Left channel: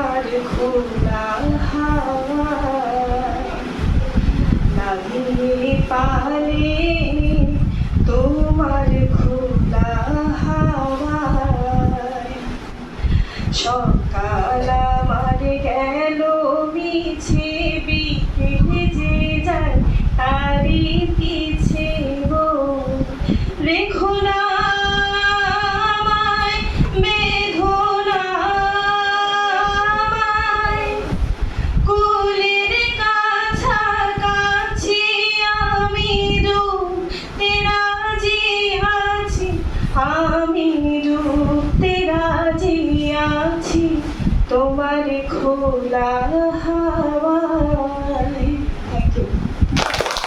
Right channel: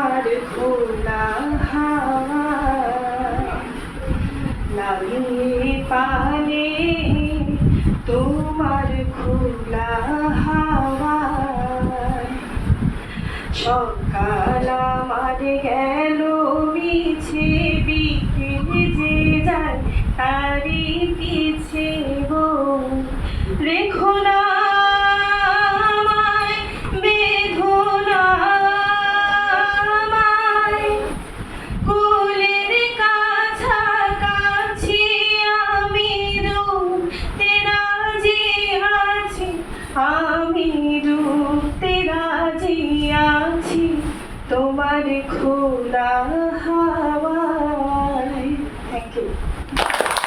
তোমার খোলা হাওয়া লাগিয়ে পালে তোমার খোলা হাওয়া সকাল আমার গেল মিছে, বিকেল যে যায় তারি পিছে গো। রেখো না আমি ডুবতে রাজি আছি তোমার খোলা হাওয়ায়। Thank you